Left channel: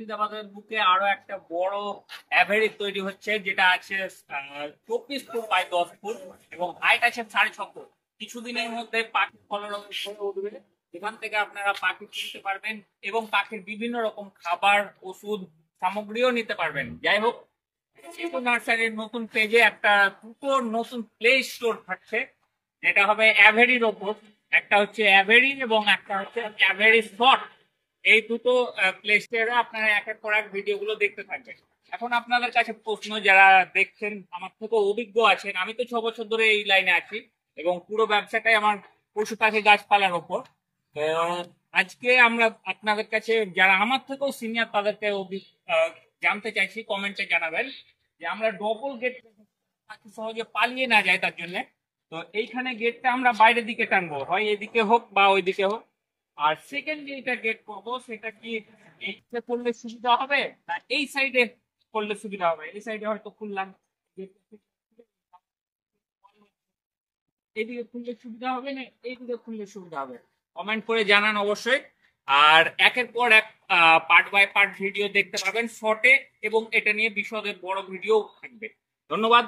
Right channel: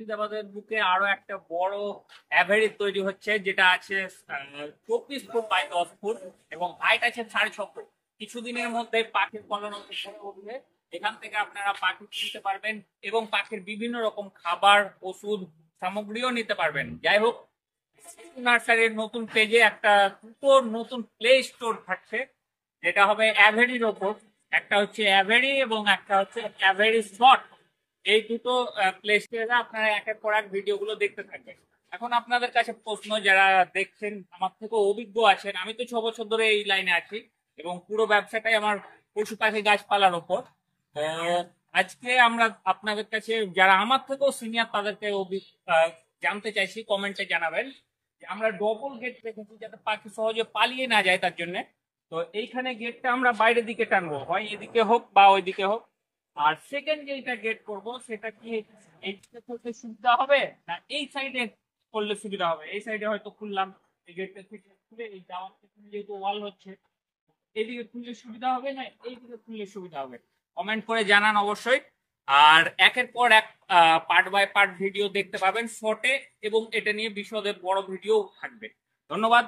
মুর্শিদাবাদের বুকে আরো একটা বড় অ্যাভেরি তৈরি হচ্ছে, যেটা আছে 24 ফুট বাই 10 ফুট এবং হাইট আছে 6.5 ফুট। কিছুদিনের মধ্যে পাখির কলোনি উঠবে। এখান থেকে আপনারা পাখি কিনতে পারবেন এবং পাখির বিভিন্ন রকম খাবার, ওষুধ, সামগ্রীও নিতে পারবেন। যাই হোক, শিশু নার্সারির নতুন পেজে একটা দুটো নতুন প্লে স্টোর থাকছে, যেটা হবে অ্যাভেরির ওপর। একটা হচ্ছে অ্যাভেরি এবং একটা হচ্ছে অ্যাভেরি শর্ট। এই দুটো প্লে স্টোরে আপনারা একের পর এক ভিডিওগুলো দেখতে থাকবেন। এখন আপনাদের কাছে প্রশ্ন, যারা দেখছেন আমার থেকে অভিজ্ঞ আছেন, আমি তো 6 বছর ধরে এই লাইনে আছি এবং পুরো ব্যবসাটাই আমার পশু পাখি গাছপালার উপর। আজকে আমরা আপনাদের কাছে, যারা আমার থেকেও সিনিয়র, তাদেরকে জানতে চাইছি, কমেন্টে জানাবেন যে আমরা ডবল গেট রেখেছি যাতে পাখি সহজে পালিয়ে না যায় তার জন্য। তো এইখানে গেটটা আমরা বাইরের দিকে টানবো, হয় এদিকে হোক বা ওইদিকে হোক। আর সেকেন্ড যেটা গেট করবো সেটা কি এইটা করলে সুবিধা হবে না এই সাইডে করলে সুবিধা হবে? এই সাইডে হয়তো খুললাম, এই গেটটা থেকে খুলে এই যাওয়ার যেহেতু ওয়াল হচ্ছে, এইদিকে খুললে সুবিধা হবে না এইদিকে খুললে সুবিধা হবে? কমেন্ট করে জানান অবশ্যই। আর একের পর এক পার্ট বাই পার্ট ভিডিও দেখতে পাবেন শর্টে, এবং এটা নিয়ে বিশদের বড় ভিডিও থাকবে। ধন্যবাদ।